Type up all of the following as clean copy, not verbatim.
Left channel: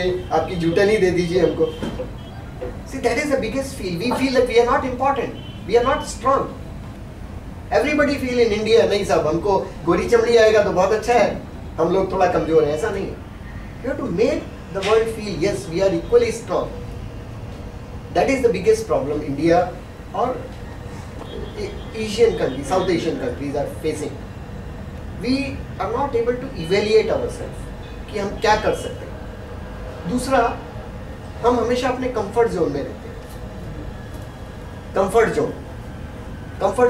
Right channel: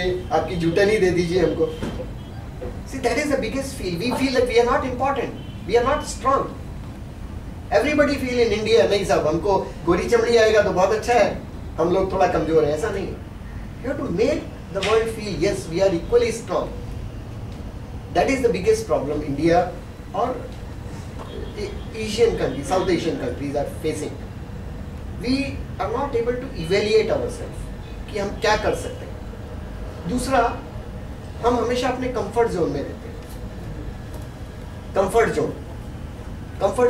आपकी जूटनी दे दीजिए हमको। See, that is the biggest feel. We feel that we are not important. We are not strong. Everybody feel in India, नहीं साहब हमको गोरी चमड़ी आएगा तो बहुत अच्छा है, हम लोग थोड़ा कमजोर हैं, ऐसा नहीं है। You have to make the world feel yes, we are equally strong. That is the biggest problem India or Asian countries, South Asian countries are facing. We are not able to evaluate ourselves कि हम क्या कर सकते हैं। दूसरा, हम हमेशा अपने कंफर्ट जोन में रहते हैं। कंफर्ट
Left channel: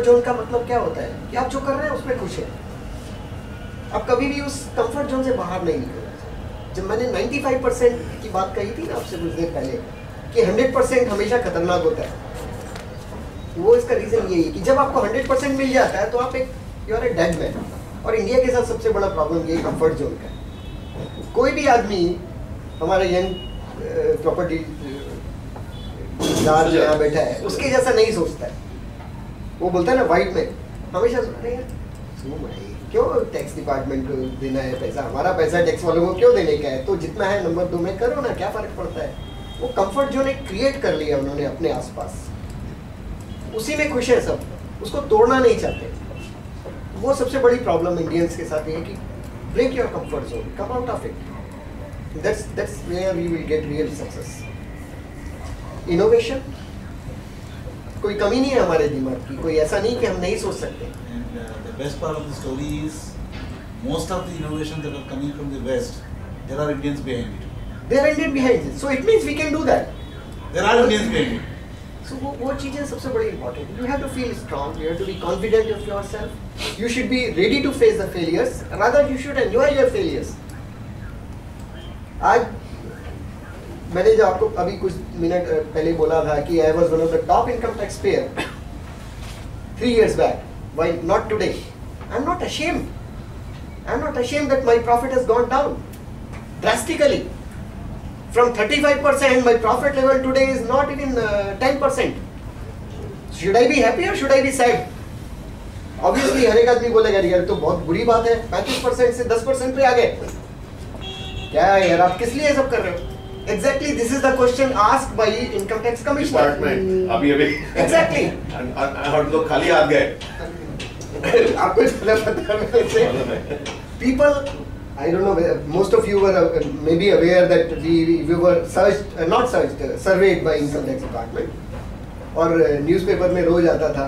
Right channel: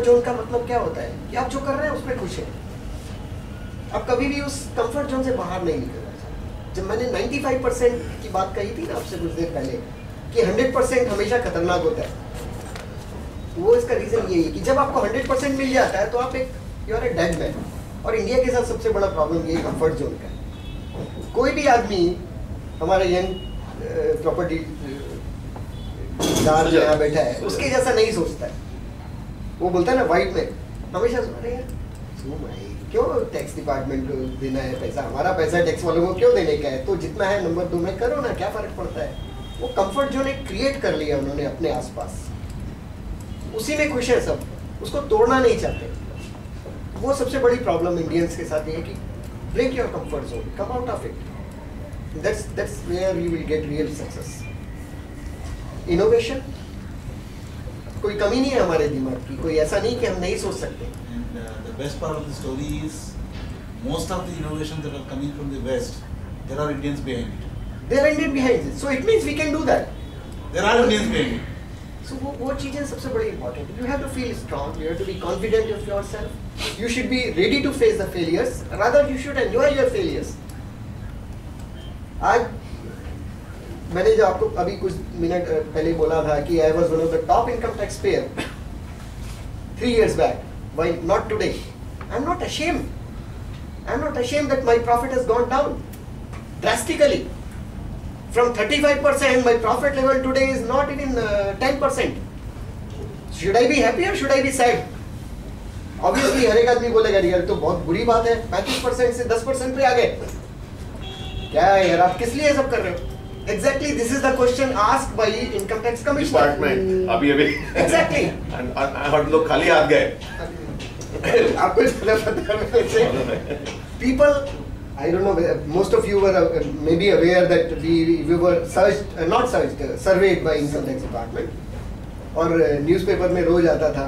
जोन का मतलब क्या होता है कि आप जो कर रहे हैं उसमें खुश हैं, आप कभी भी उस कंफर्ट जोन से बाहर नहीं निकलना चाहिए। जब मैंने 95% की बात कही थी ना आपसे कुछ देर पहले कि 100% हमेशा खतरनाक होता है, वो इसका रीजन यही है कि जब आपको 100% मिल जाता है तो आप you are a dead man. और इंडिया के साथ सबसे बड़ा प्रॉब्लम ये कंफर्ट जोन का है। कोई भी आदमी हमारे यंग प्रॉपर्टी दार यहाँ बैठा है उसके जैसा नहीं सोचता है। वो बोलता है ना वाइट में हमेशा क्यों टैक्स डिपार्टमेंट को देना है पैसा, हमारा पैसा टैक्स वालों को क्यों देने का है, तो जितना है नंबर 2 में करो ना, क्या फर्क पड़ता है। वो कंफर्ट जोन एक क्रिएट कर लिया उन्होंने अपने आसपास, उसी में खुश है सब, उसको तोड़ना नहीं चाहते। वो सबसे बड़ी प्रॉब्लम इंडियंस के साथ ये है कि break your comfort zone, come out of it, that's where you will get real success. Innovation, कोई कमी नहीं है हमारे दिमाग की, कोई ऐसा नहीं कि हम नहीं सोच सकते। And the best part of the story is most of the innovations that are coming from the West, there are Indians behind it. There are Indians behind it, so it means we can do that. There are Indians behind it. So वो चीजें सबसे बड़ी important. You have to feel strong. You have to be confident of yourself. You should be ready to face the failures. Rather, you should enjoy your failures. आज मैंने जो आपको अभी कुछ मिनट पहले बोला था कि I was one of the top income tax payer 3 years back. Why not today? I'm not ashamed. I'm not ashamed that my profit has gone down drastically. From 35%, my profit level today is not even 10%. Should I be happy or should I be sad? Obviously, हर एक आदमी बोलेगा यार तो बहुत बुरी बात है, 35% से 10% पे आ गए। क्या है यार, आप किस लिए सब कर रहे हो? Exactly, this is the question asked by income tax commissioner. Department, अभी Exactly. और लोग खाली हाथ गए। आपको ज़्यादा पता है people, I don't know, most of you were maybe aware that we were surveyed by income tax department, और न्यूज़पेपर में रोज आता था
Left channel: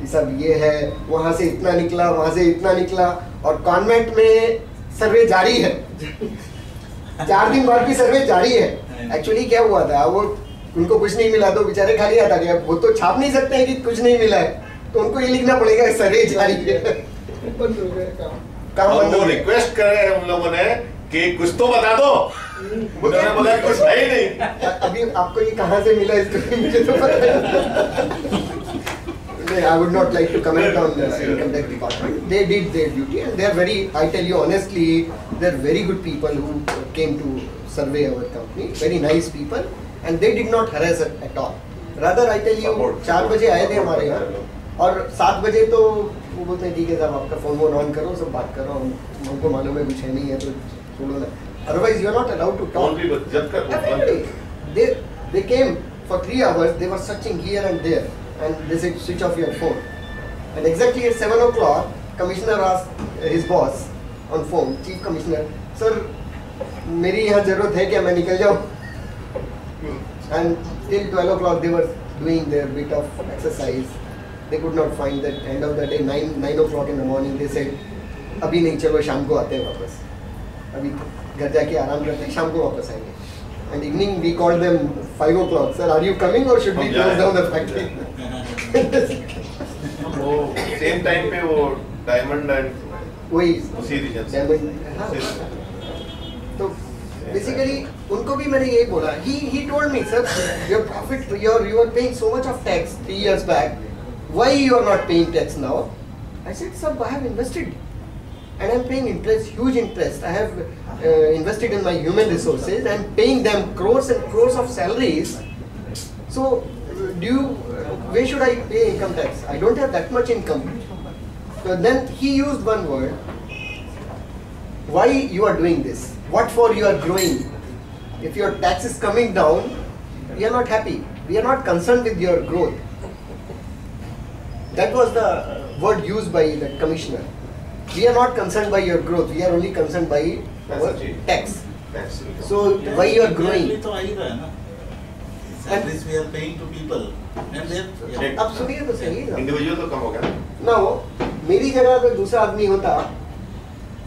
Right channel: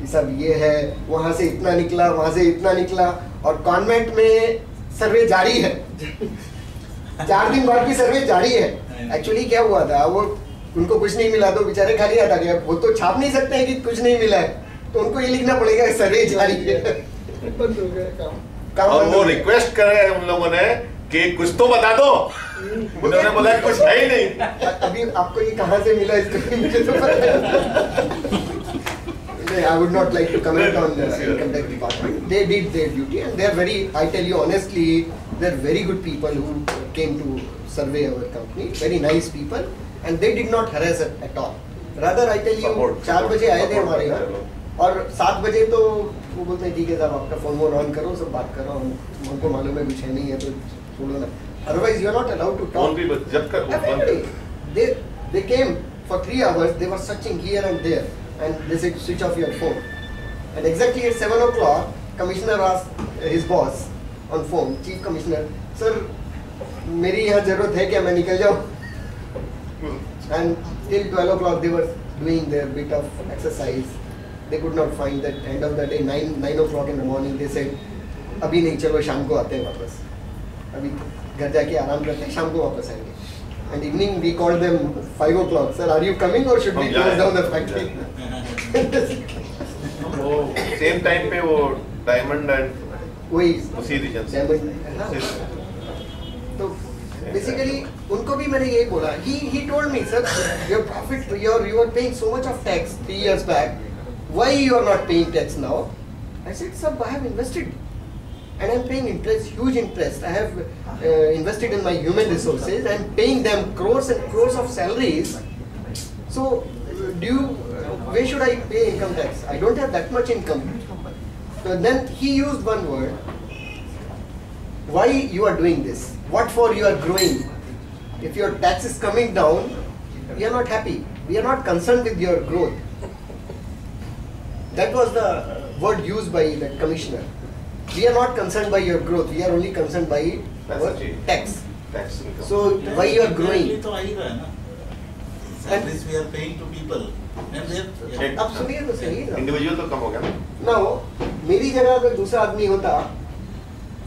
ये सब ये है, वहाँ से इतना निकला, वहाँ से इतना निकला, और कॉन्वेंट में सर्वे जारी है। 4 दिन बाद भी सर्वे जारी है। एक्चुअली क्या हुआ था, वो उनको कुछ नहीं मिला तो बेचारे खाली हाथ आ गए। वो तो छाप नहीं सकते हैं कि कुछ नहीं मिला है, तो उनको ये लिखना पड़ेगा सर्वे जारी है। बंद हो गया काम। और वो रिक्वेस्ट करे उन लोगों ने कि कुछ तो बता दो, उन्होंने बोला कुछ है ही नहीं। अभी आपको ये कहाँ से मिला इसको मुझे तो पता नहीं। I would not like to comment on the income tax department. They did their duty and they are very, I tell you honestly, they are very good people who came to survey our company. Very nice people and they did not harass us at all. Rather I tell you, 4 बजे आए थे हमारे यहाँ और 7 बजे तो वो बोलते हैं ठीक है साहब आपका फोन वोन ऑन करो, सब बात करो, हमको मालूम है कुछ है नहीं है तो छोड़ो ना। Otherwise you are not allowed to talk. जब कर They came for 3 hours. They were searching here and there, and they said switch off your phone. And exactly at 7 o'clock, commissioner asked his boss on phone, chief commissioner, sir, मेरी यहाँ जरूरत है क्या, मैं निकल जाऊँ? And till 12 o'clock they were doing their bit of exercise. They could not find that end of the day. 9 o'clock in the morning they said अभी नहीं, चलो शाम को आते हैं वापस, अभी घर जाके आराम करते हैं, शाम को वापस आएंगे। And evening we called them 5 o'clock. Sir, are you coming or should we close down the factory? वो सेम टाइम पे वो डायमंड एंड वही उसी रीजन तो बेसिकली उनको भी मैंने यही बोला। He told me, sir, your profit, you are paying so much of tax 3 years back. Why you are not paying tax now? I said, sir, I have invested. And I'm paying interest, huge interest. I have invested in my human resources. I'm paying them crores and crores of salaries. So, where should I pay income tax? I don't have that much income. So then he used one word. Why you are doing this? What for you are growing? if your tax is coming down, we are not happy. We are not concerned with your growth. That was the word used by the commissioner. We are not concerned by your growth. We are only concerned by our tax. So why you are growing? तो आ ही रहा है ना. Salaries we are paying to people, and they. अब सुनिए तो सही है. Individual तो कम हो गया ना. ना हो, मेरी जगह अगर दूसरा आदमी होता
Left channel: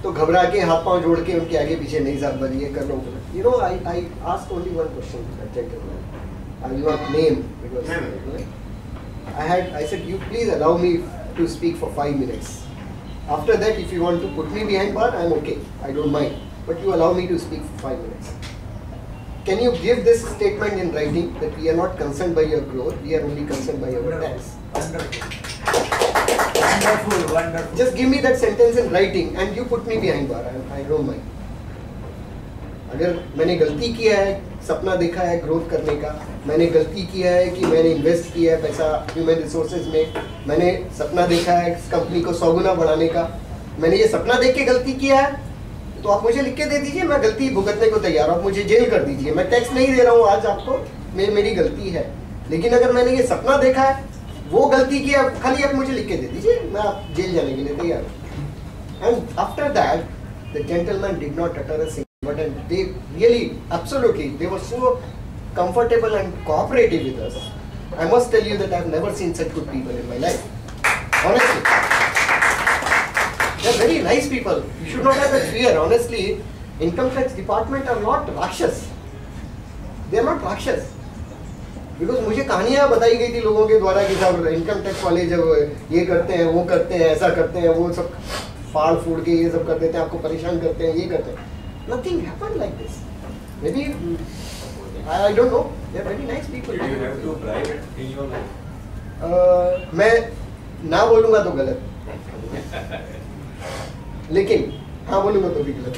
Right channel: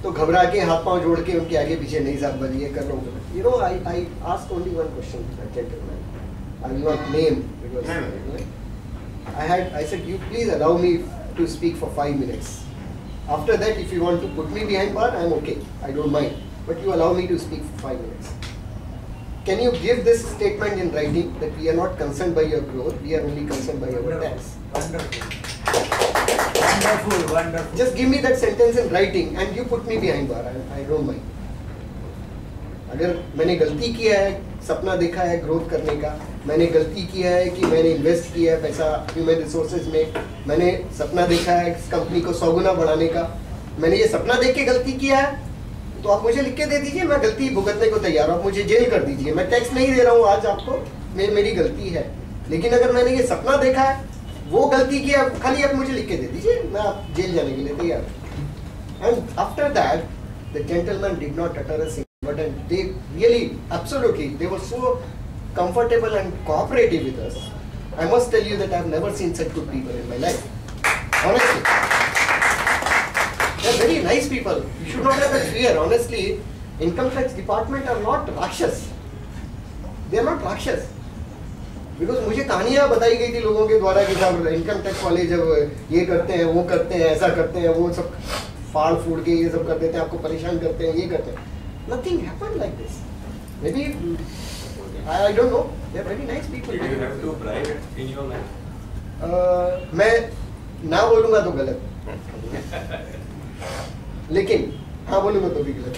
तो घबरा के हाथ पांव जोड़ के उनके आगे पीछे नहीं साहब बन ये कर रहा हूँ. You know, I asked only one question to that gentleman. I will not name because I said you please allow me to speak for 5 minutes. After that, if you want to put me behind bar, I am okay. I don't mind. But you allow me to speak for 5 minutes. Can you give this statement in writing that we are not concerned by your growth, we are only concerned by your tax? Wonderful. Just give me that sentence in writing and you put me behind bar. I don't mind. अगर मैंने गलती किया है, सपना देखा है growth करने का, मैंने गलती किया है कि मैंने इन्वेस्ट किया है पैसा ह्यूमन रिसोर्सेज में, मैंने सपना देखा है इस कंपनी को 100 गुना बढ़ाने का, मैंने ये सपना देख के गलती किया है, तो आप मुझे लिख के दे दीजिए, मैं गलती भुगतने को तैयार हूँ, आप मुझे जेल कर दीजिए, मैं टैक्स नहीं दे रहा हूँ आज आपको, मेरी गलती है. लेकिन अगर मैंने ये सपना देखा है, वो गलती किया, खाली आप मुझे लिख के दे दीजिए, मैं आप जेल जाने के लिए तैयार हूँ. And after that the gentleman did not utter a single word and they really absolutely they were so comfortable and cooperative with us. I must tell you that I have never seen such good people in my life. Honestly. They are very nice people. You should not have that fear. Honestly, income tax department are not Rakshas. They are not Rakshas. Because मुझे कहानियाँ बताई गई थी लोगों के द्वारा कि साहब इनकम टैक्स वाले जब ये करते हैं, वो करते हैं, ऐसा करते हैं, वो सब फाड़ फूड़ के ये सब कर देते हैं, आपको परेशान करते हैं, ये करते हैं. Nothing happened like this. Maybe I don't know. They are very nice people. Did you have to bribe it in your life? मैं ना बोलूँगा तो गलत, लेकिन हाँ बोलूँगा तो भी गलत.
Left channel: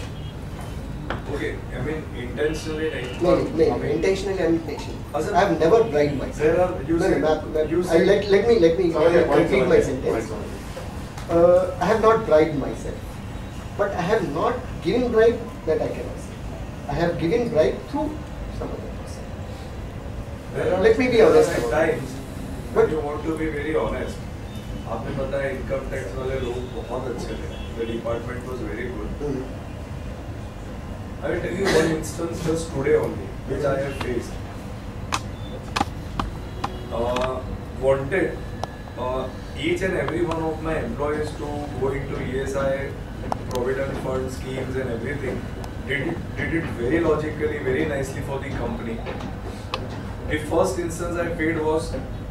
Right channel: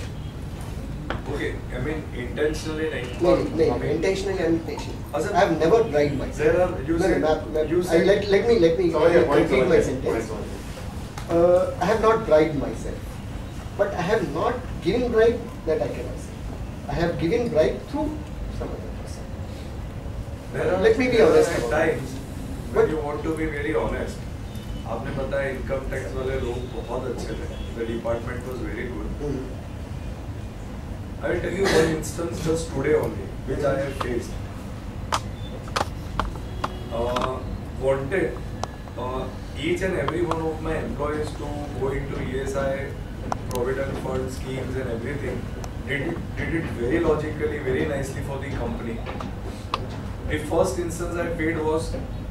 Okay, I mean intentionally नहीं. नहीं, intentionally unintentionally. Also, I have never bribed myself. There are you said let me complete my sentence. I have not bribed myself, but I have not given bribe, that I cannot say. I have given bribe through some other person. Let me be honest At about times, it. when you want to be very honest, आपने बताया income tax वाले लोग बहुत अच्छे थे. The department was very good. I will tell you one instance just today only, which I have faced. Wanted each and every one of my employees to go into ESI, provident fund schemes and everything. Did it very logically, very nicely for the company. The first instance I paid was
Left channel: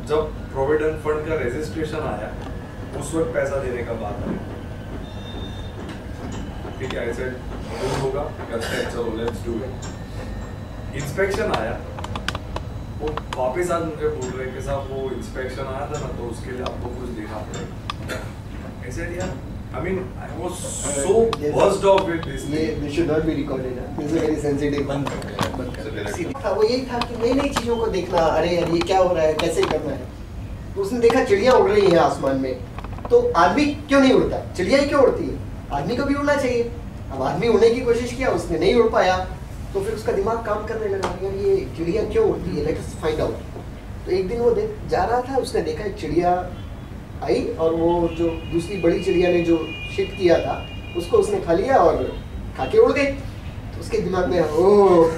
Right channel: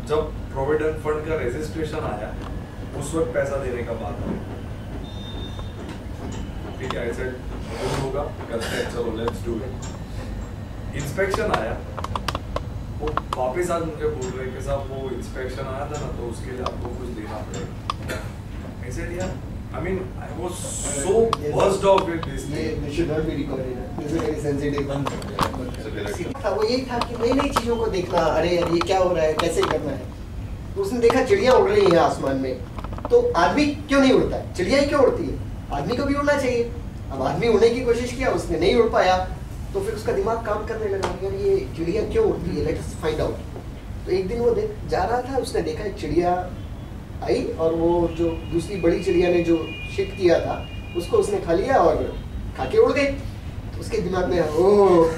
जब provident fund का registration आया, उस वक्त पैसा देने का बात आया. ठीक है, I said good होगा, करते हैं, चलो let's do it. Inspection आया, वो वापस आज मुझे बोल रहे कि साहब वो inspection आया था ना, तो उसके लिए आपको कुछ देना पड़ेगा. I said यार, I mean, I was so buzzed off with this thing. This should not be recorded. This is very sensitive. सीधा था, वो यही था कि नई नई चीजों को देखना, अरे यार ये क्या हो रहा है, कैसे करना है. तो उसने देखा चिड़िया उड़ रही है आसमान में, तो आदमी क्यों नहीं उड़ता है? चिड़िया ही क्यों उड़ती है? आदमी को भी उड़ना चाहिए. अब आदमी उड़ने की कोशिश किया, उसने नहीं उड़ पाया, तो फिर उसका दिमाग काम करने लगा, यार ये चिड़िया क्यों उड़ती है, लेट्स फाइंड आउट. तो एक दिन वो जा रहा था, उसने देखा एक चिड़िया आई और वो जो दूसरी बड़ी चिड़िया ने जो शिट किया था उसको उसने खा लिया और खा के उड़ गई. तो उसके दिमाग में ओह,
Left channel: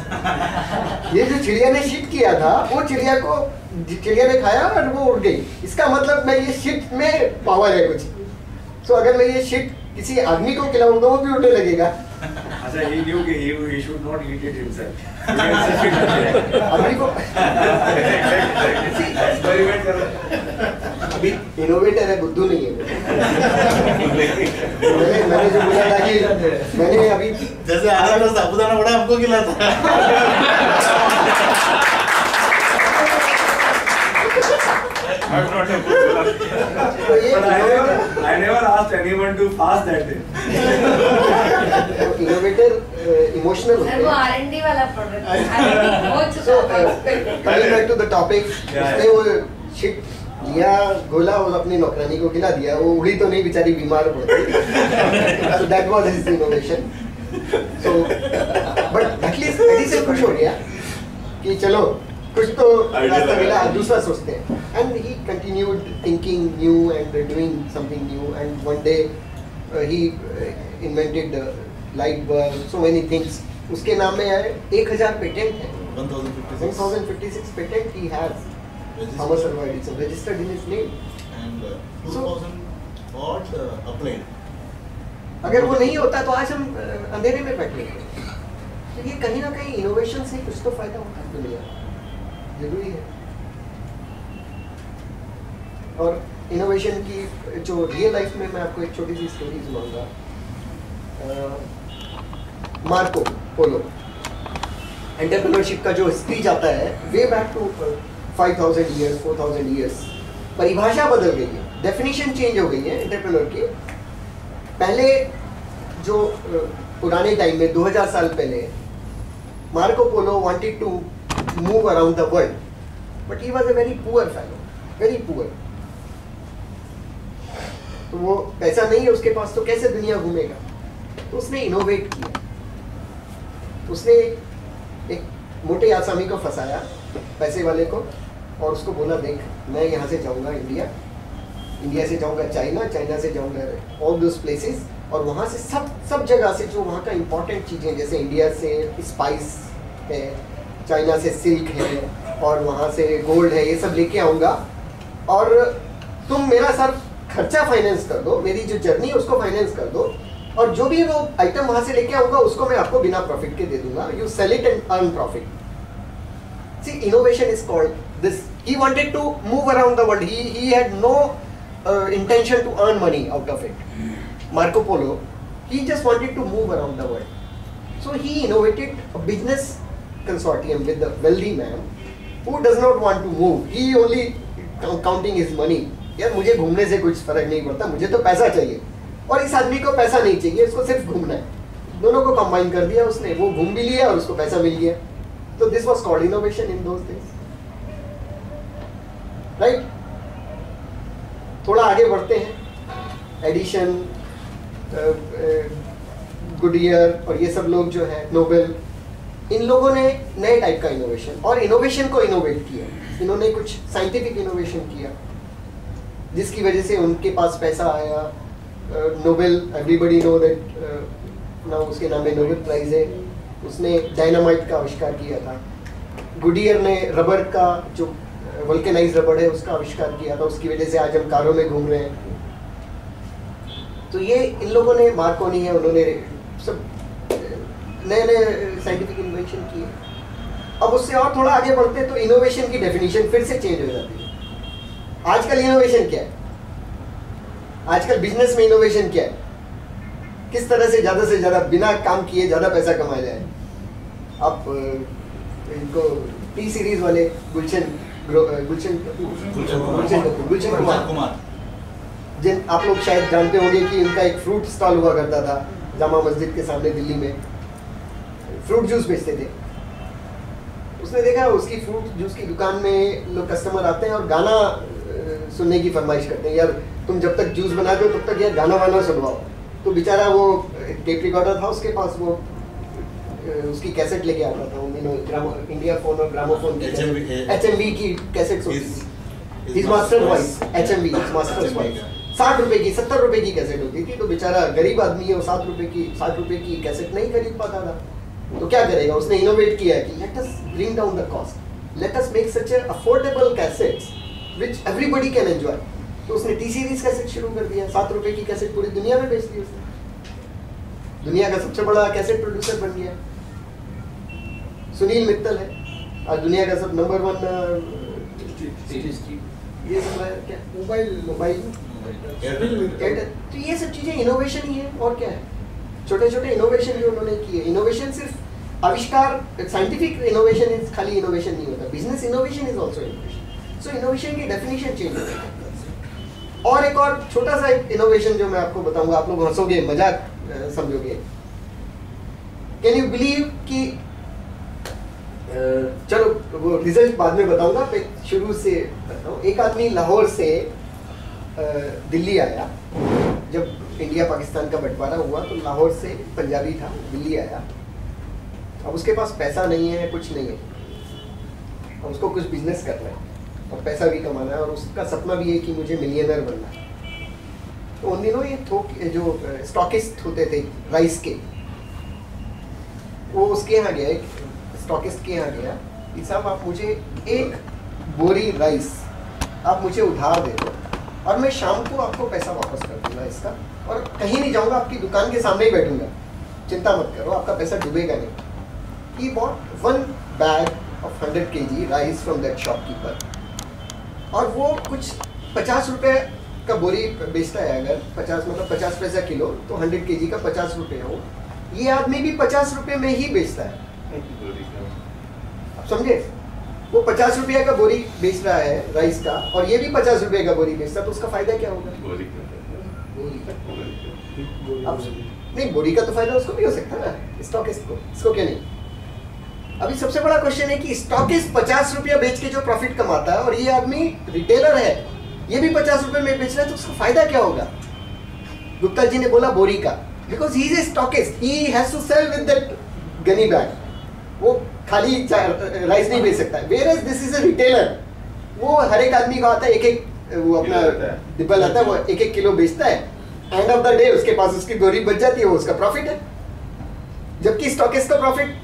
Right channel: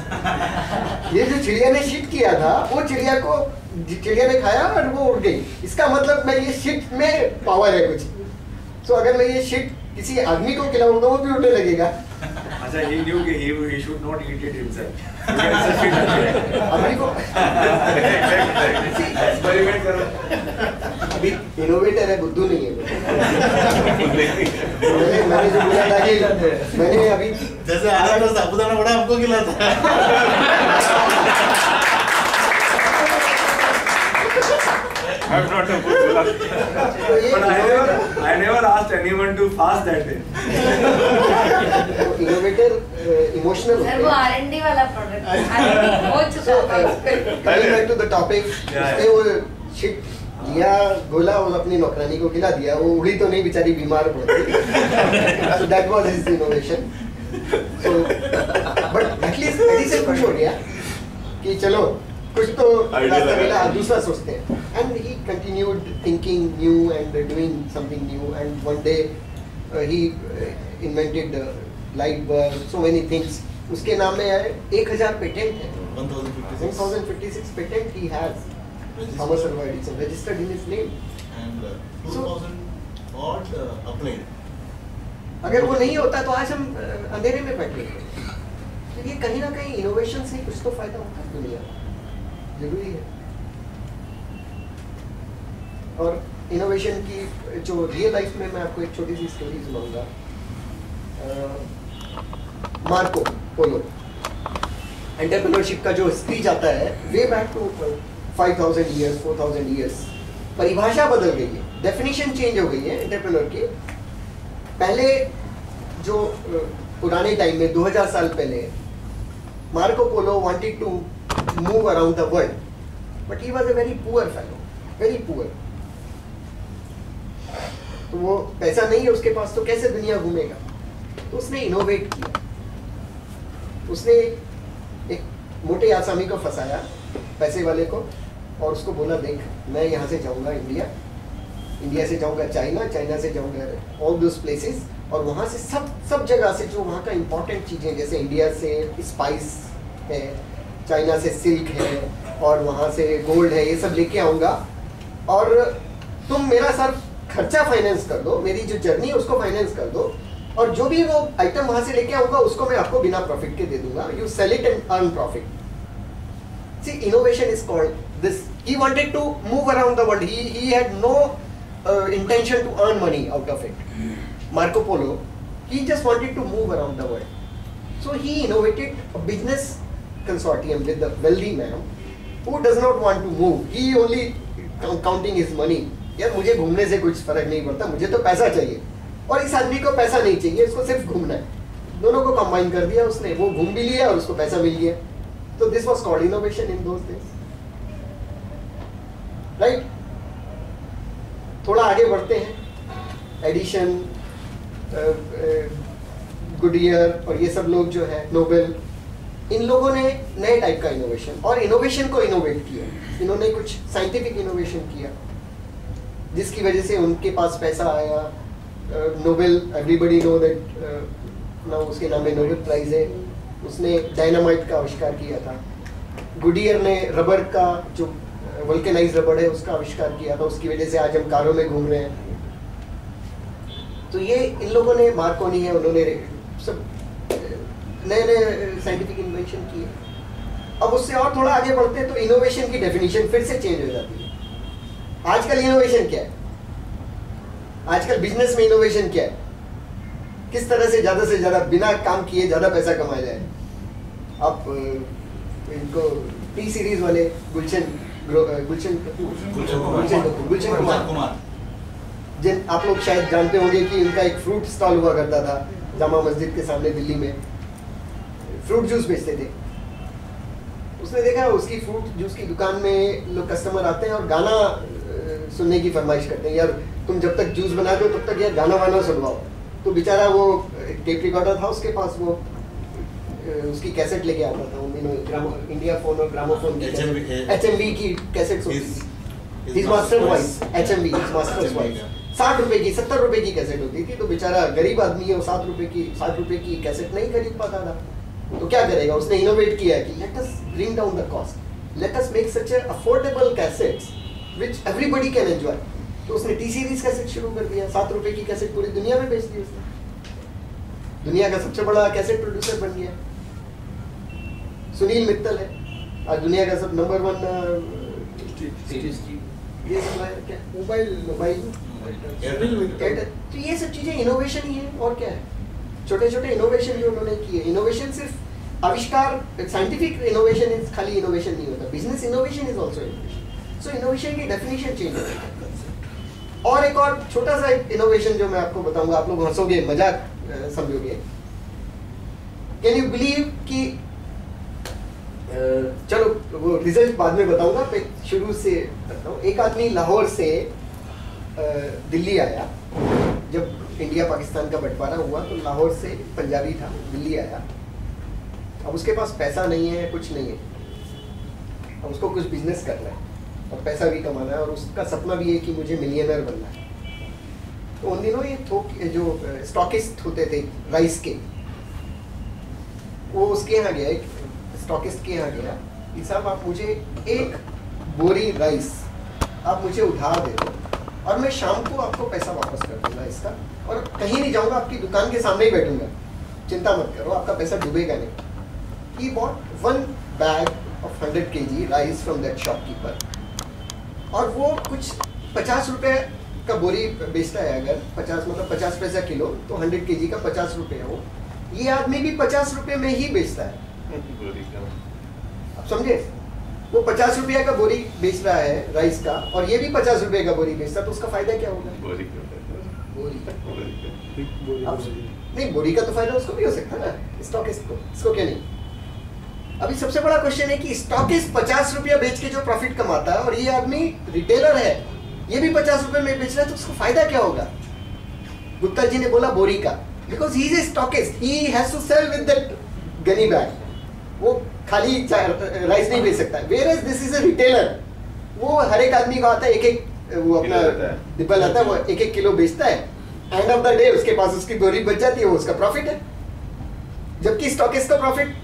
ये जो चिड़िया ने शिट किया था वो चिड़िया ने खाया और वो उड़ गई. इसका मतलब मैं ये शिट में पावर है कुछ. तो अगर मैं ये शिट किसी आदमी को खिलाऊंगा वो भी उड़ने लगेगा. अच्छा, he knew कि he should not eat it himself. आदमी को एक्सपेरिमेंट कर रहा. अभी इनोवेटर है, बुद्धू नहीं है. मैंने जो बोला था कि मैंने अभी जैसे आ रहा था साबुदाना बड़ा हमको खिलाता. I'm not a food but I never asked anyone to fast that day. Innovator emotional sir वो R&D वाला प्रोडक्ट R&D हो चुका है. Coming back to the topic, उसने वो शिट लिया, गोला और अपनी नौकरानी को खिला दिया. वो उड़ी तो नहीं, बेचारी बीमार पड़ गई. So that was his innovation. So but at least Edison खुश हो गया कि चलो कुछ तो Idea रास्ता लगा। मिला, दूसरा सोचते हैं. And he continued thinking new and doing something new, and one day he invented light bulb, so many things. उसके नाम में 1000 पेटेंट है. 1056 1056 patent he has. Thomas Alva Edison registered in his name. and 2000 odd applied. अगर वो नहीं होता तो आज हम अंधेरे में बैठे हैं. तो ये कहीं ना कहीं इनोवेशन से कुछ तो फायदा होता है दुनिया को, जरूरी है. और इनोवेशन की जो रियल लाइफ में मैं आपको एक छोटी सी स्टोरी सुनाऊंगा. मार्को पोलो एंटरप्रेन्योरशिप का जो स्पीच आता है way back to 5000 years 4000 years. परिभाषा बदल गई है, डेफिनेशन चेंज हो गई है एंटरप्रेन्योर की. पहले जो पुराने टाइम में 2000 साल पहले Marco Polo wanted to move around the world, but he was a very poor fellow, very poor. तो वो पैसा नहीं है उसके पास, तो कैसे दुनिया घूमेगा? तो उसने इनोवेट किया. उसने एक मोटे आसामी को फंसाया, पैसे वाले को, और उसको बोला देख मैं यहाँ से जाऊँगा इंडिया, इंडिया से जाऊँगा चाइना, चाइना से जाऊँगा ऑल दोस प्लेसेस, और वहाँ से सब जगह से जो वहाँ का इम्पोर्टेंट चीज़ें, जैसे इंडिया से स्पाइस है, चाइना से सिल्क है, और वहाँ से गोल्ड है, ये सब लेके आऊँगा, और तुम मेरा सर खर्चा फाइनेंस कर दो, मेरी जो जर्नी है उसको फाइनेंस कर दो, और जो भी वो आइटम वहाँ से लेके आऊँगा उसको मैं आपको बिना प्रॉफिट के दे दूंगा. You sell it and earn profit. See innovation is called this. He wanted to move around the world. He had no intention to earn money out of it. Marco Polo, he just wanted to move around the world. So he innovated a business consortium with a wealthy man who does not want to move. He only counting his money. यार मुझे घूमने से कुछ फर्क नहीं पड़ता, मुझे तो पैसा चाहिए, और इस आदमी को पैसा नहीं चाहिए, इसको सिर्फ घूमना है. दोनों को कंबाइन कर दिया उसने, वो घूम भी लिया और उसको पैसा मिल गया. So this was called innovation in those days. Right. थोड़ा आगे बढ़ते हैं. एडिशन, गुडियर और ये सब लोग जो है, नोबेल, इन लोगों ने नए टाइप का इनोवेशन, और इनोवेशन को इनोवेट किया. इन्होंने कुछ साइंटिफिक इनोवेशन किया जिसकी वजह से उनके पास पैसा आया. Nobel, everybody know that now उसके नाम में नोबेल प्राइज है. उसने डायनामाइट का आविष्कार किया था. गुडियर ने रबर का, जो वल्केनाइज रबर है, उसका आविष्कार किया था. उसकी वजह से आज हम कारों में घूम रहे हैं. तो ये इन लोगों ने, मार्कोनी है, उन्होंने सब नए नए साइंटिफिक इन्वेंशन किए. अब उससे और थोड़ा आगे बढ़ते हैं तो इनोवेशन की डेफिनेशन फिर से चेंज हो जाती है. आजकल इनोवेशन क्या है? आजकल बिजनेस में इनोवेशन क्या है? किस तरह से ज़्यादा बिना काम किए ज़्यादा पैसा कमाया जाए. आप इनको टी सीरीज वाले गुलशन कुमार, जिन आप लोग शायद जानते होंगे कि इनका एक फ्रूट स्टॉल हुआ करता था जामा मस्जिद के सामने दिल्ली में. फ्रूट जूस बेचते थे. उसने देखा उसकी फ्रूट जूस की दुकान में लोग कस्टमर आते हैं और गाना सुनने की फरमाइश करते हैं, यार तुम जब तक जूस बना दो तब तक यार गाना वाना सुनवाओ. तो बेचारा वो टेप रिकॉर्डर था उसके पास, वो उसकी कैसेट लेके आता था. इंडिया फोन और ग्रामोफोन की HMV की कैसेट होती थी. His master's wife, HMV, his master's wife. 60 रुपए की, 70 रुपए की कैसेट होती थी. तो बेचारा गरीब आदमी है, वो 60 रुपए की कैसेट नहीं खरीद पाता था. तो क्या करेगा? उसने इनोवेट किया कि let us bring down the cost, let us make such affordable cassettes which everybody can enjoy. तो उसने टी सीरीज कैसेट शुरू कर दिया. 7 रुपए की कैसेट पूरी दुनिया में बेच दी उसने. दुनिया का सबसे बड़ा कैसेट प्रोड्यूसर बन गया. सुनील मित्तल है आज दुनिया का सब नंबर 1 ये सब क्या मोबाइल. तो ये सब चीजें इनोवेशन ही है, और क्या है? छोटे छोटे इनोवेशन जो उन्होंने किए. इनोवेशन सिर्फ आविष्कार, साइंटिफिक इनोवेशन इज खाली इनोवेशन नहीं होता, business innovation is also innovation. So innovation की डेफिनेशन चेंज हो गई. और एक और छोटा सा इनोवेशन जो मैं आपको बताऊंगा, आप लोग हंसोगे, मजाक समझोगे. कैन यू बिलीव कि चलो वो रिजल्ट बाद में बताऊंगा, शुरू से बताऊं. एक आदमी लाहौर से दिल्ली आया. जब इंडिया पाकिस्तान का बंटवारा हुआ तो लाहौर से, पंजाबी था, दिल्ली आया. अब उसके पास पैसा नहीं है, कुछ नहीं है, अब उसको कुछ बिजनेस करना है और पैसा भी कमाना है और उसका सपना भी है कि मुझे मिलियनर बनना है। तो उन दिनों ये थोक जो स्टॉकिस्ट होते थे राइस के, वो उसके यहाँ गया, एक स्टॉकिस्ट के यहाँ गया कि साहब आप मुझे एक बोरी राइस आप मुझे उधार दे दो और मैं शाम को आपको पैसा वापस कर दूंगा इसका, और कहीं नहीं जाऊंगा, आपकी दुकान के सामने ही बैठूंगा, चिंता मत करो, आपका पैसा डूबेगा नहीं। He bought 1 bag of 100 kg rice from that shopkeeper, और वो कुछ 50 रुपए का बोरी बेचता है, अगर 50 मतलब 50 पैसा किलो, तो 100 kg का 50 रुपए है वो, ये आदमी भी 50 रुपए में ही बेचता है। आप समझे, वो 50 रुपया का बोरी बेच रहा है राइस का और ये भी 50 रुपए का बोरी बेचता है, तो उसका फायदा क्या होगा? बोरी अब नहीं, बोरी का तो फायदा उसको भी हो सकता है ना, स्टॉकिस्ट को, इसको क्या नहीं। अभी सबसे बड़ा क्वेश्चन है कि स्टॉकिस्ट 50 रुपया बेच के जो प्रॉफिट कमाता है और ये आदमी रिटेलर है, ये भी 50 रुपए में बेच रहा है, तो उसको फायदा क्या होगा? गुप्ता जी ने बोला बोरी का, because he is a stockist, he has to sell with that gunny bag, वो खाली राइस नहीं बेच सकता है। Where this is a retailer, वो हर एक आदमी का आता है, एक एक वो अपना डिब्बा लाता है, वो एक एक किलो बेचता है, एंड ऑफ द डे उसके पास उसकी बोरी बच जाती है, वो उसका प्रॉफिट है। जबकि स्टॉकिस्ट का प्रॉफिट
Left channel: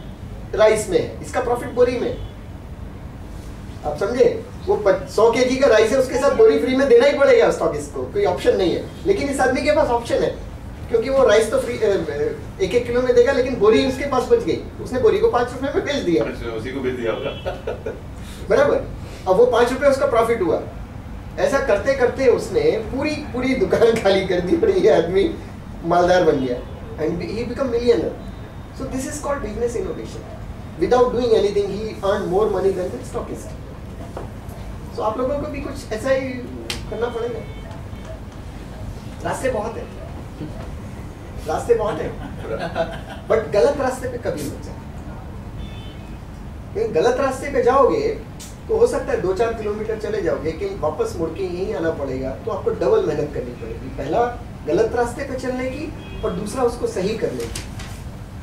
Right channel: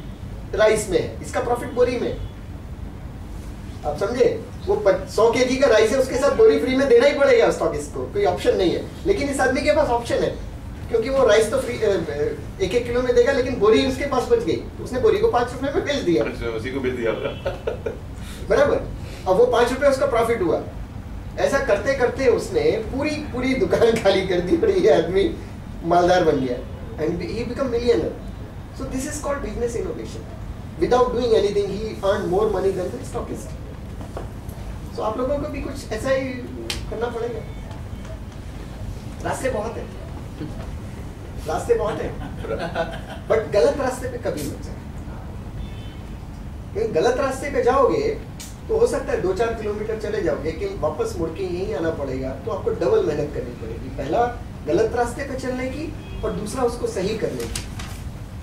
राइस में है, इसका प्रॉफिट बोरी में। आप समझे, वो 100 केजी का राइस है, उसके साथ बोरी फ्री में देना ही पड़ेगा स्टॉकिस्ट को, कोई ऑप्शन नहीं है। लेकिन इस आदमी के पास ऑप्शन है, क्योंकि वो राइस तो फ्री 1-1 किलो में देगा, लेकिन बोरी उसके पास बच गई, उसने बोरी को 5 रुपए में बेच दिया, उसी को बेच दिया होगा। बराबर। अब वो 5 रुपए उसका प्रॉफिट हुआ। ऐसा करते करते उसने पूरी दुकान खाली कर दी और ये आदमी मालदार बन गया, and he become millionaire. So this is called business innovation. Without doing anything he earn more money than the stockist. So आप लोगों को भी कुछ ऐसा ही करना पड़ेगा। रास्ते बहुत है, रास्ते बहुत है, बट गलत रास्ते पे कभी मत जाओ। गलत रास्ते पे जाओगे तो हो सकता है 2-4 किलोमीटर चले जाओगे, लेकिन वापस मुड़ के यहीं आना पड़ेगा, तो आपको डबल मेहनत करनी पड़ेगी। पहला गलत रास्ते पे चलने की और दूसरा उसको सही करने की,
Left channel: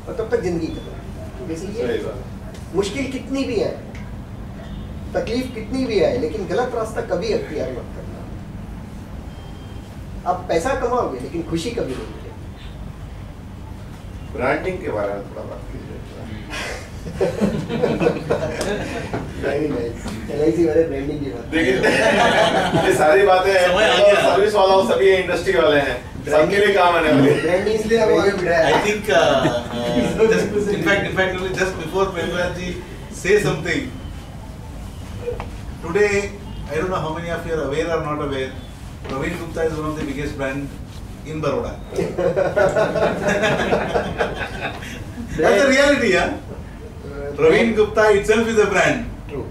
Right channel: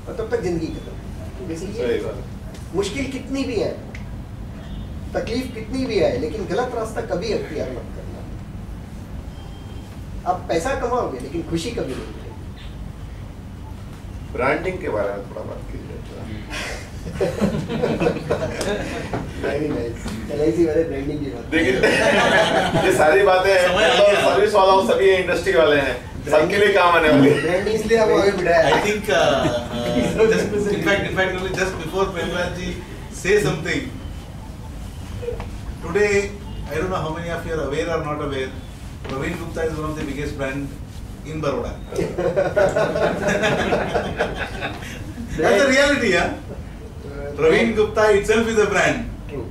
और तब तक जिंदगी खत्म। इसलिए मुश्किल कितनी भी है, तकलीफ कितनी भी है, लेकिन गलत रास्ता कभी अख्तियार मत करना। आप पैसा कमाओगे लेकिन खुशी कभी नहीं मिलेगी। ब्रांडिंग के बारे में थोड़ा बात कीजिए। LIC वाले ब्रांडिंग की बात। देखिए ये सारी बातें सर्विस वाला सभी इंडस्ट्री वाले हैं, सबके लिए काम आने वाली है। ब्रांडिंग इसलिए अब आगे बढ़ा है। I think in fact only just before Premraj ji say something, today I don't know how many of you are aware or not aware, Praveen Gupta is one of the biggest brand in Baroda. That's the reality, yeah. Praveen Gupta itself is a brand. True.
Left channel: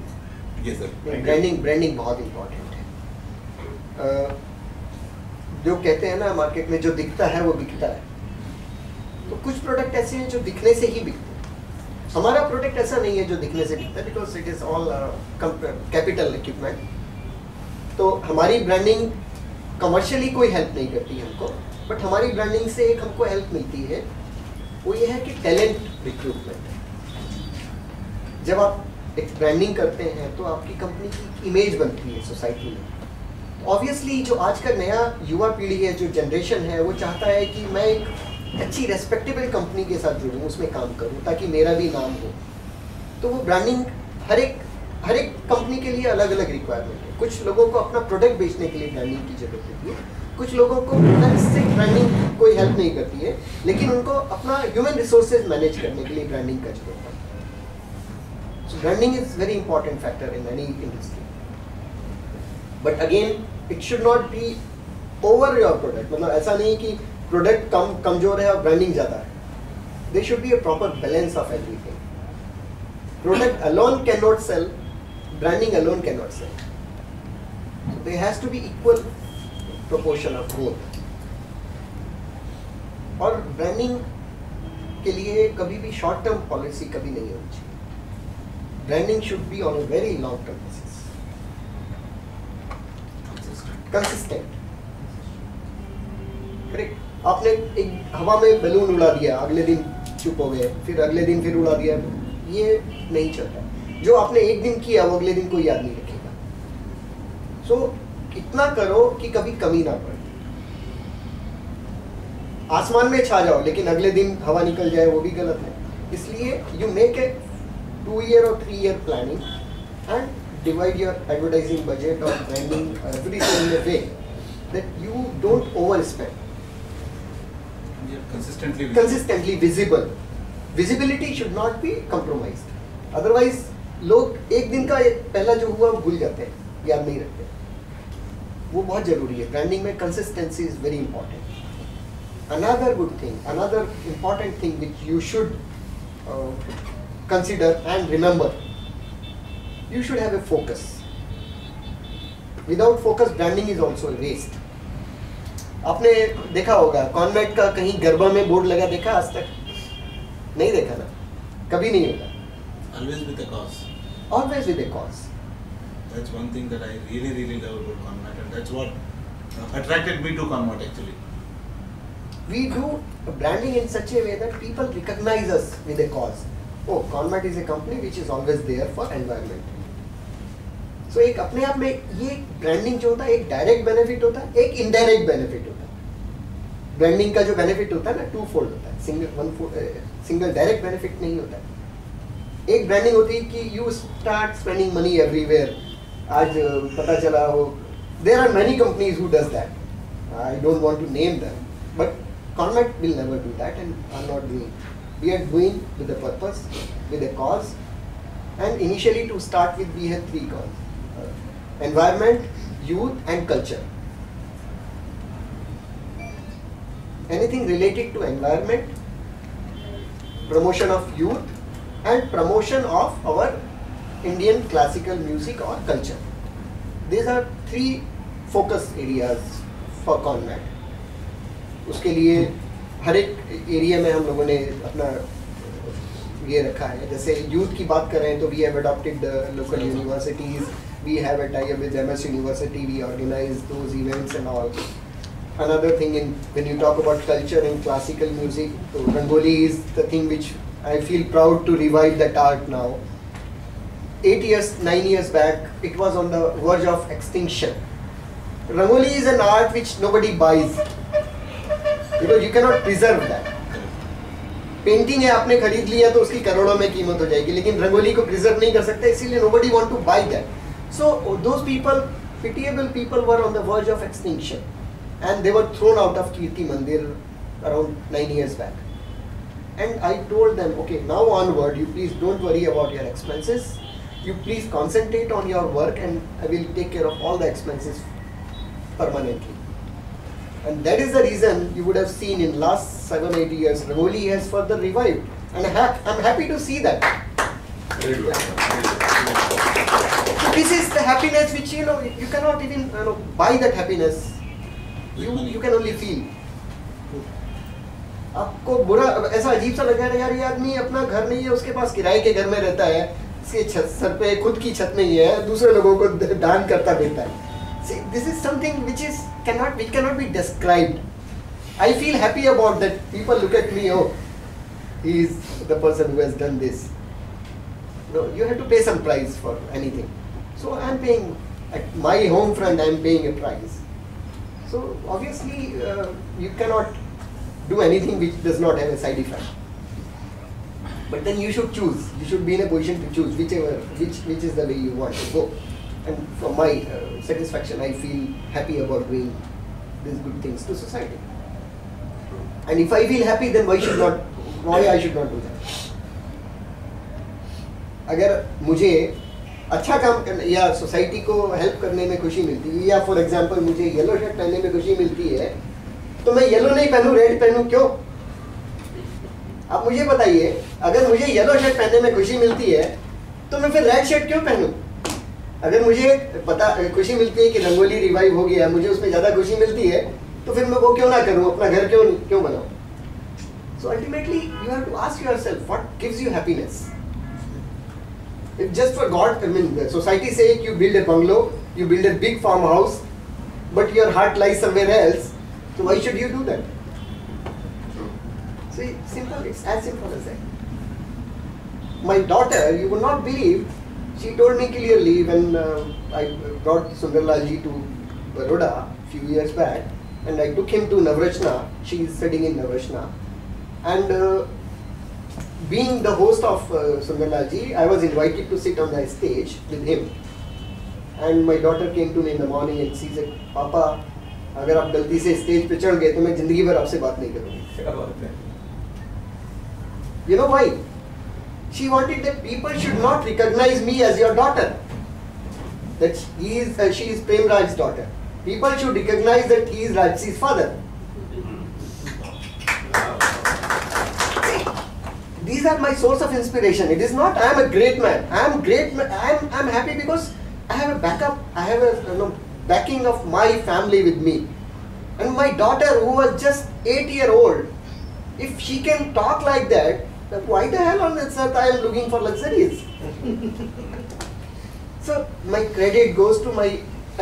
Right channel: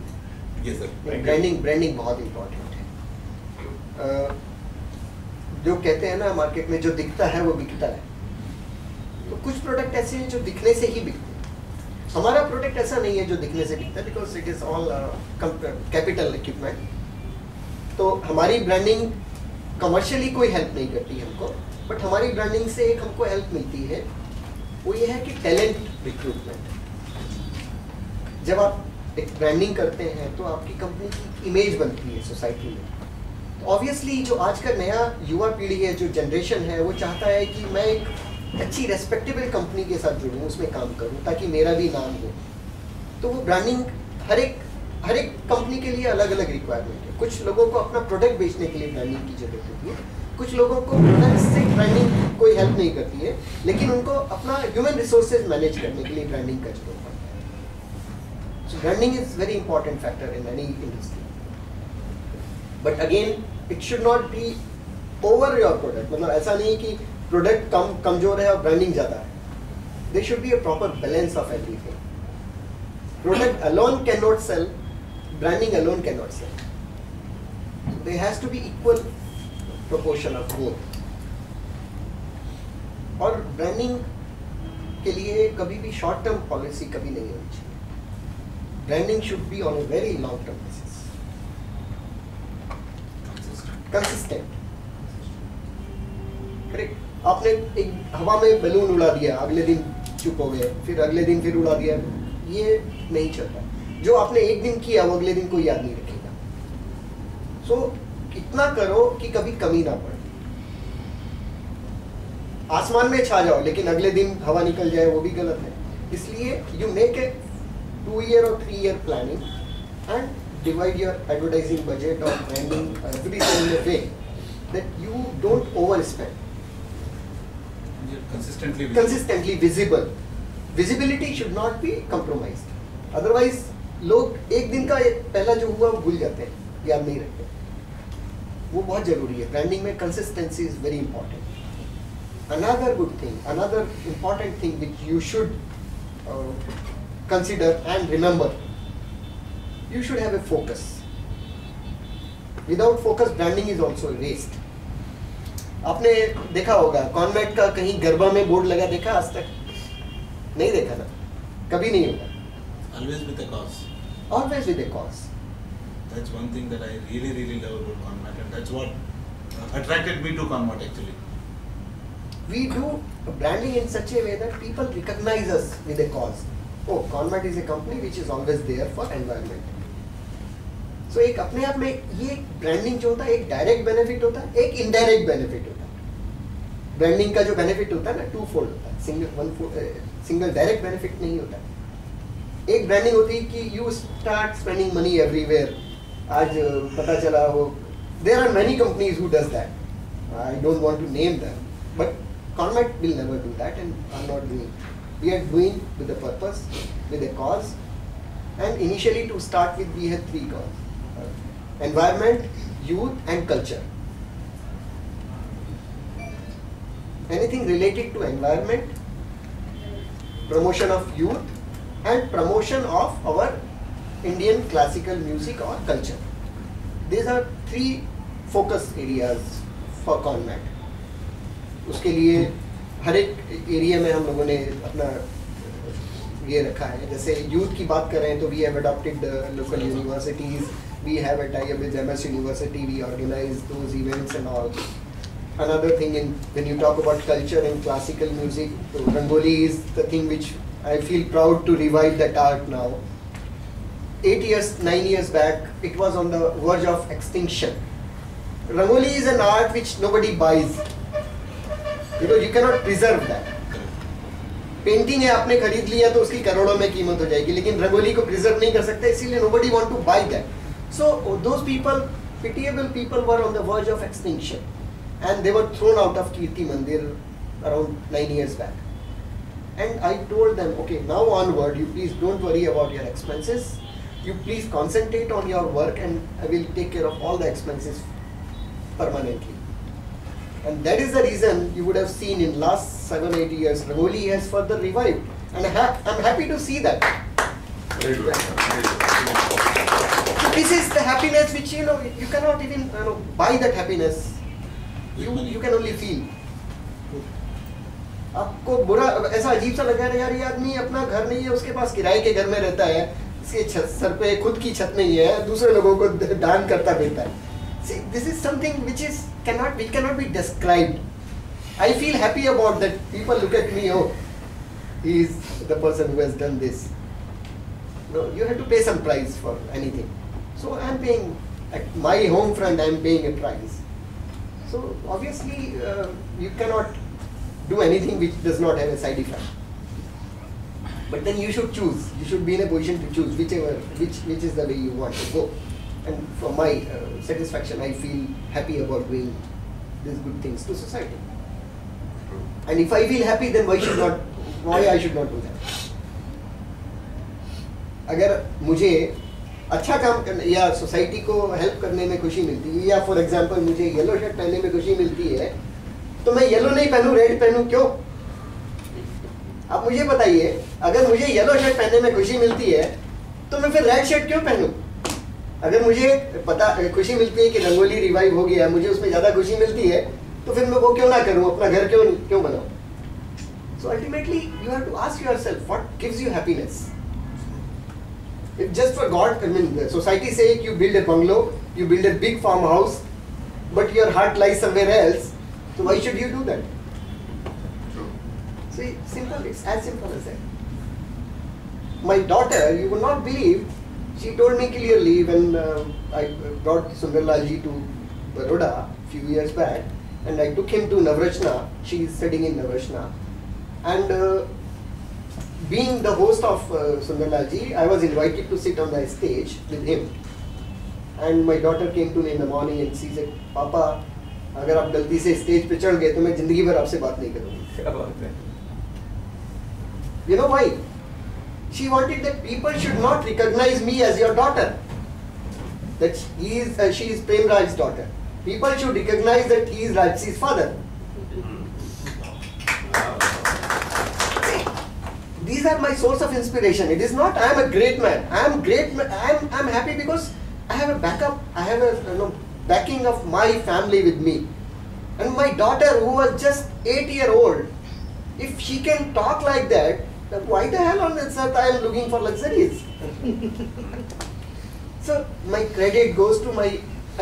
Yes sir. Branding बहुत important है। जो कहते हैं ना market में, जो दिखता है वो बिकता है। तो कुछ प्रोडक्ट ऐसे हैं जो दिखने से ही बिकते हैं। हमारा प्रोडक्ट ऐसा नहीं है जो दिखने से बिकता है, because it is all capital equipment. तो हमारी ब्रांडिंग कमर्शियली कोई हेल्प नहीं करती हमको, बट हमारी ब्रांडिंग से एक हमको हेल्प मिलती है, वो ये है कि टैलेंट रिक्रूटमेंट। जब आप एक ब्रांडिंग करते हैं तो आपकी कंपनी की इमेज बनती है सोसाइटी में। तो ऑब्वियसली जो आज का नया युवा पीढ़ी है, जो जनरेशन है, वो चाहता है कि मैं एक अच्छी रेस्पेक्टेबल कंपनी के साथ जुड़ूं, उसमें काम करूं, ताकि मेरा भी नाम हो। तो वो ब्रांडिंग हर एक कंपनी के लिए अलग अलग रिक्वायरमेंट है। कुछ लोगों को अपना प्रोडक्ट बेचने के लिए ब्रांडिंग की जरूरत होती है, कुछ लोगों को इससे ब्रांडिंग कोई हेल्प नहीं करती है, लेकिन उनको अपना ह्यूमन रिसोर्सेज मैनेज करने के लिए ब्रांडिंग का जरूरत पड़ता है। So branding is very important factor in any industry. But again, it should not be over your product. मतलब ऐसा नहीं कि प्रोडक्ट कमजोर है और ब्रांडिंग ज़्यादा है। There should be a proper balance of everything. Product alone cannot sell, branding alone cannot sell. So there has to be equal proportion of both. और ब्रांडिंग के लिए कभी भी शॉर्ट टर्म पॉलिसी कभी नहीं होनी चाहिए। Branding should be on a very long term basis. Consistent. Correct. आपने एक हवा में बैलून उड़ा दिया, अगले दिन चुप हो गए, फिर अगले दिन फिर उड़ा दिया, ये नहीं चलता। जो आपने एक दिन किया वो अगले दिन कोई याद नहीं रखेगा। सो इतना करो कि कभी कमी ना पड़े। आसमान में छा जाओ लेकिन अगले दिन हवा निकल जाए वो भी गलत है। इसलिए you make a 2 year or 3 year planning and divide your advertising budget or branding everything in a way that you don't overspend. Consistently visible. Visibility should not be compromised. Otherwise लोग एक दिन का पहला जो हुआ वो भूल जाते हैं, याद नहीं रखते। वो बहुत जरूरी है। ब्रांडिंग में consistency is very important. Another good thing, another important thing which you should consider and remember, you should have a focus. Without focus, branding is also a waste. आपने देखा होगा कॉन्वेंट का कहीं गरबा में बोर्ड लगा देखा आज तक? नहीं देखा ना, कभी नहीं होगा। Always with a cause. Always with a cause. That's one thing that I really love about Conmat, and that's what attracted me to Conmat actually. We do branding in such a way that people recognize us with a cause. Oh, Conmat is a company which is always there for environment. So एक अपने आप में ये branding जो होता है एक direct benefit होता है, एक इनडायरेक्ट बेनिफिट होता है। ब्रांडिंग का जो बेनिफिट होता है ना 2 fold होता है, सिंगल डायरेक्ट बेनिफिट नहीं होता है। एक ब्रांडिंग होती है कि you start spending money everywhere. आज पता चला हो there are many companies who does that, I don't want to name them, but Conmat will never do that and are not doing. We are doing with a purpose, with a cause, and initially to start with we had 3 causes: environment, youth, and culture. Anything related to environment, promotion of youth, and promotion of our Indian classical music or culture. These are 3 focus areas for Conmat. उसके लिए हर एक area में हम लोगों ने अपना ये रखा है। जैसे यूथ की बात कर रहे हैं तो we have adopted local universities, we have a tie up with MS university, we organise those events and all. Another thing in when you talk about culture and classical music, तो rangoli is the thing which I feel proud to revive that art now. 9 years back it was on the verge of extinction. Rangoli is an art which nobody buys because you cannot preserve that. Painting है आपने खरीद लिया तो उसकी करोड़ों में कीमत हो जाएगी, लेकिन रंगोली को प्रिजर्व नहीं कर सकते, इसीलिए nobody want to buy that. So those people, pitiable people, were on the verge of extinction and they were thrown out of Kirti Mandir around 9 years back. And I told them, okay, now onward you please don't worry about your expenses, you please concentrate on your work and I will take care of all the expenses permanently. And that is the reason you would have seen in last 7-8 years Rangoli has further revived, and I'm happy to see that. Very good. So this is the happiness which you cannot even buy that happiness. You can only feel. आपको बुरा ऐसा अजीब सा लगा यार, ये आदमी अपना घर नहीं है, उसके पास किराए के घर में रहता है, इसके सर पे खुद की छत नहीं है, दूसरे लोगों को दान करता रहता है। See, this is something which cannot be described. I feel happy about that. People look at me, oh, he is the person who has done this. No, you have to pay some price for anything. So I am paying, at my home front I am paying a price. So obviously you cannot do anything which does not have a side effect. But then you should choose. You should be in a position to choose which is the way you want to go. And for my satisfaction, I feel happy about doing these good things to society. And if I feel happy, then why I should not do that? अगर मुझे अच्छा काम करने या society को help करने में खुशी मिलती है, या फॉर एग्जांपल मुझे येलो शर्ट पहनने में खुशी मिलती है, तो मैं येलो नहीं पहनूं, रेड पहनूं, क्यों? आप मुझे बताइए, अगर मुझे येलो शर्ट पहनने में खुशी मिलती है तो मैं फिर रेड शर्ट क्यों पहनूं? अगर मुझे खुशी मिलती है कि रंगोली रिवाइव हो गया, मुझे उसमें ज़्यादा खुशी मिलती है, तो फिर मैं वो क्यों ना करूं, अपना घर क्यों बनाऊं? So ultimately you have to ask yourself what gives you happiness. If just for God, I mean the society sake you build a bungalow, you build a big farmhouse, but your heart lies somewhere else, so why should you do that? See, simple, it's as simple as that. my daughter, you would not believe, she told me clearly when I brought Sundarlal ji to Baroda a few years back, and I took him to Navrachna. She is studying in Navrachna, and being the host of Sundarlal ji, I was invited to sit on the stage with him. And my daughter came to me in the morning and she said, "Papa, अगर आप गलती से stage पे चढ़ गए तो मैं जिंदगी भर आपसे बात नहीं करूँगी." क्या बात है? You know why? She wanted that people should not recognize me as your daughter. That she is Prem Raj's daughter. People should recognize that he is Rajsi's father. These are my source of inspiration. It is not I am a great man. I am great. I am happy because I have a backup. I have a backing of my family with me. And my daughter, who was just 8-year-old, if she can talk like that, then why the hell on this earth I am looking for luxuries? So my credit goes to my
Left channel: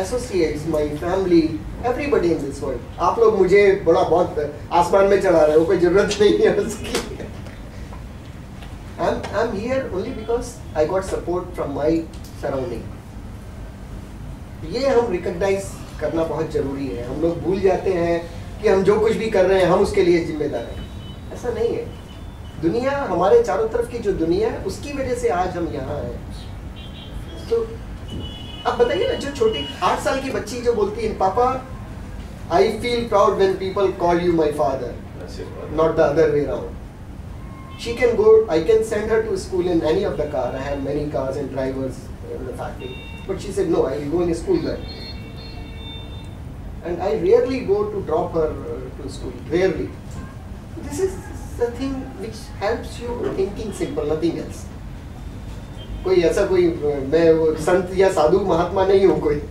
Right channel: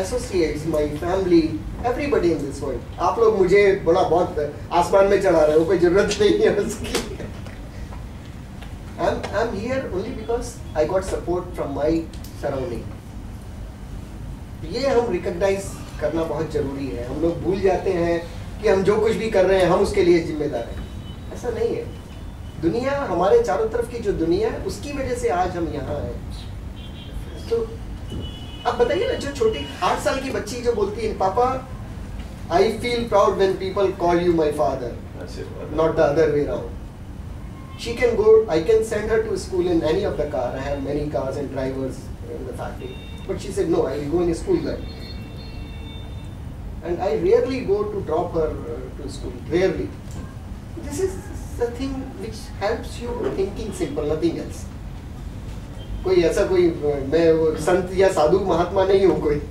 associates, my family, everybody in this world. आप लोग मुझे बड़ा बहुत आसमान में चढ़ा रहे हो, कोई जरूरत नहीं है उसकी. I'm here only because I got support from my surrounding. ये हम रिकॉग्नाइज करना बहुत जरूरी है. हम लोग भूल जाते हैं कि हम जो कुछ भी कर रहे हैं हम उसके लिए जिम्मेदार हैं. ऐसा नहीं है. दुनिया, हमारे चारों तरफ की जो दुनिया है, उसकी वजह से आज हम यहाँ हैं. तो अब बताइए ना, जो छोटी 8 साल की बच्ची जो बोलती है, "पापा, आई feel proud when people call you my father, not the other way around." She can go, I can send her to school in any of the car. I have many cars and drivers in the factory. But she said, "No, I will go in a school bus." And I rarely go to drop her to school. Rarely. This is the thing which helps you thinking simple, nothing else. कोई ऐसा कोई मैं वो संत या साधु महात्मा नहीं हूँ कोई.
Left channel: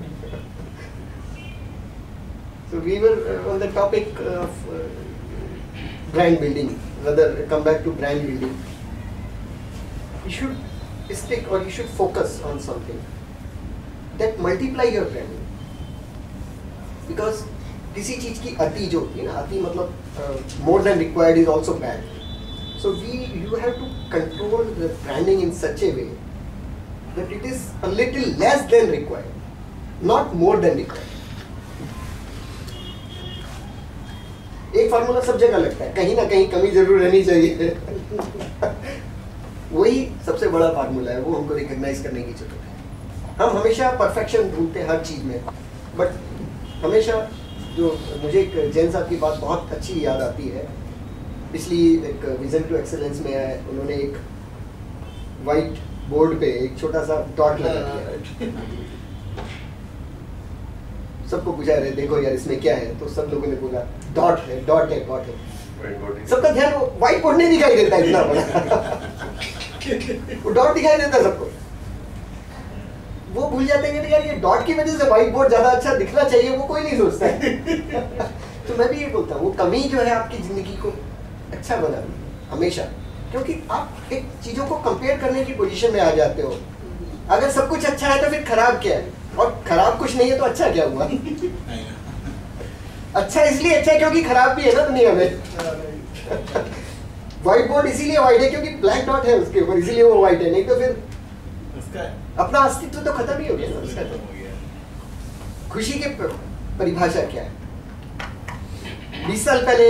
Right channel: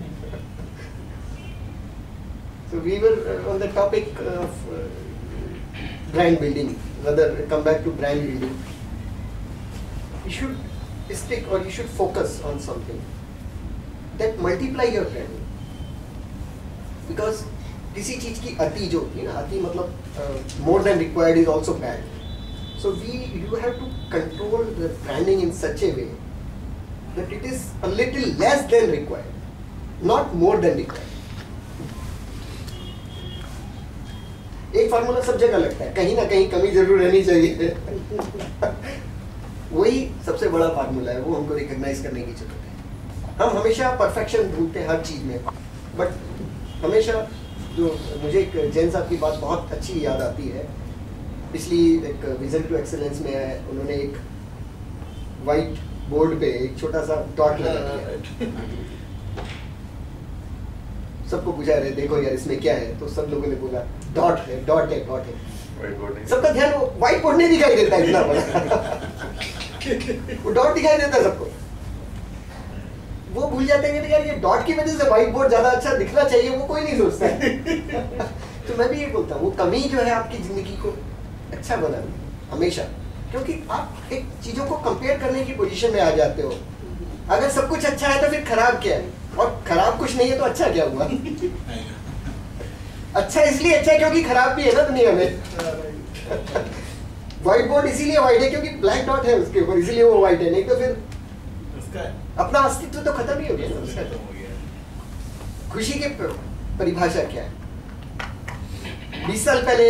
So we were on the topic of brand building. Rather, come back to brand building. You should stick or you should focus on something that multiply your branding. Because किसी चीज की अति जो होती है ना, अति मतलब more than required is also bad. So you have to control the branding in such a way that it is a little less than required, not more than required. एक फार्मूला सब जगह लगता है, कहीं ना कहीं कमी जरूर रहनी चाहिए. वही सबसे बड़ा फार्मूला है, वो हमको रिकॉग्नाइज करने की जरूरत है. हम हमेशा परफेक्शन ढूंढते हैं हर चीज में, बट हमेशा जो मुझे एक जैन साहब की बात बहुत अच्छी याद आती है. पिछली एक विजन टू एक्सेलेंस में है, उन्होंने एक वाइट बोर्ड पे एक छोटा सा डॉट लगा दिया. सबको पूछा, "अरे देखो यार इसमें क्या है?" तो सब लोगों ने बोला, "डॉट है, डॉट है, डॉट है." सबका ध्यान वो व्हाइट बोर्ड नहीं दिखाई देता इतना बड़ा. वो डॉट दिखाई देता सबको. वो भूल जाते हैं कि यार ये डॉट की वजह से व्हाइट बोर्ड ज्यादा अच्छा दिखना चाहिए, वो कोई नहीं सोचता है. तो मैं भी ये बोलता हूँ, वो कमी जो है आपकी जिंदगी को अच्छा बनानी हमेशा, क्योंकि आप एक चीजों को कंपेयर करने की पोजीशन में आ जाते हो. अगर सब कुछ अच्छा है तो फिर खराब क्या है, और खराब कुछ नहीं है तो अच्छा क्या हुआ? अच्छा इसलिए अच्छा है क्योंकि खराब भी है ना दुनिया में. व्हाइट बोर्ड इसीलिए व्हाइट है क्योंकि ब्लैक डॉट है उसके ऊपर, इसीलिए वो व्हाइट है. नहीं तो फिर उसका अपना अस्तित्व तो खत्म ही हो गया उसका. तो खुशी की परिभाषा क्या है? 20 साल पहले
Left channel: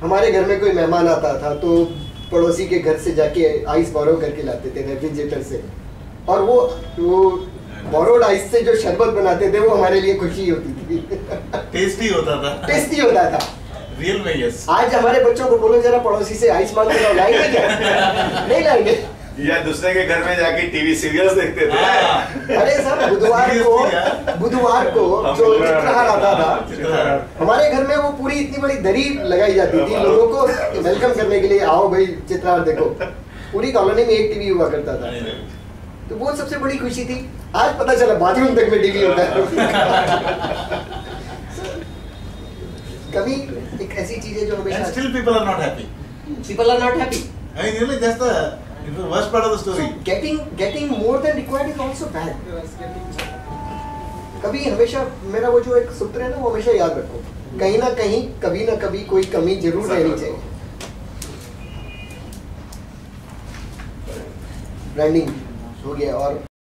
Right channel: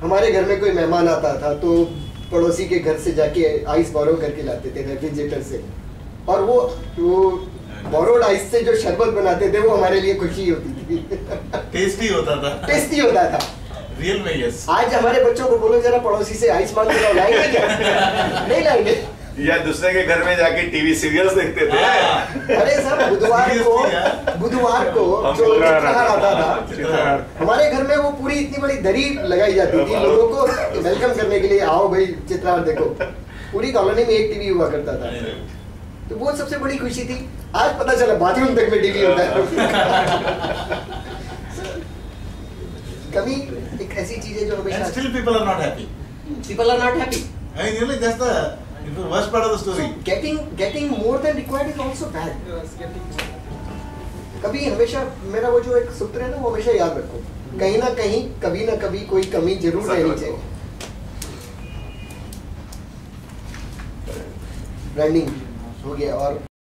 हमारे घर में कोई मेहमान आता था तो पड़ोसी के घर से जाके आइस बोरो करके लाते थे रेफ्रिजरेटर से, और वो बोरोड आइस से जो शरबत बनाते थे वो हमारे लिए खुशी होती थी. टेस्टी होता था. टेस्टी होता था. रियल में यस. आज हमारे बच्चों को बोलो जरा पड़ोसी से आइस मांग के लाएंगे क्या? नहीं लाएंगे. या दूसरे के घर में जाके टीवी सीरियल्स देखते थे. अरे सर, बुधवार को जो चित्रहार आता था, हमारे घर में वो पूरी इतनी बड़ी दरी लगाई जाती थी लोगों को वेलकम करने के लिए. आओ भाई चित्रहार देखो. पूरी कॉलोनी में एक टीवी हुआ करता था. तो वो सबसे बड़ी खुशी थी. आज पता चला बाथरूम तक में टीवी होता है. कभी एक ऐसी चीज है जो हमेशा. And still people are not happy. People are not happy. I mean, really, that's the worst part of the story. So getting more than required is also bad. कभी हमेशा मेरा वो जो एक सूत्र है ना, वो हमेशा याद रखो, कहीं ना कहीं कभी ना कभी कोई कमी जरूर रहनी चाहिए. ब्रांडिंग हो गया और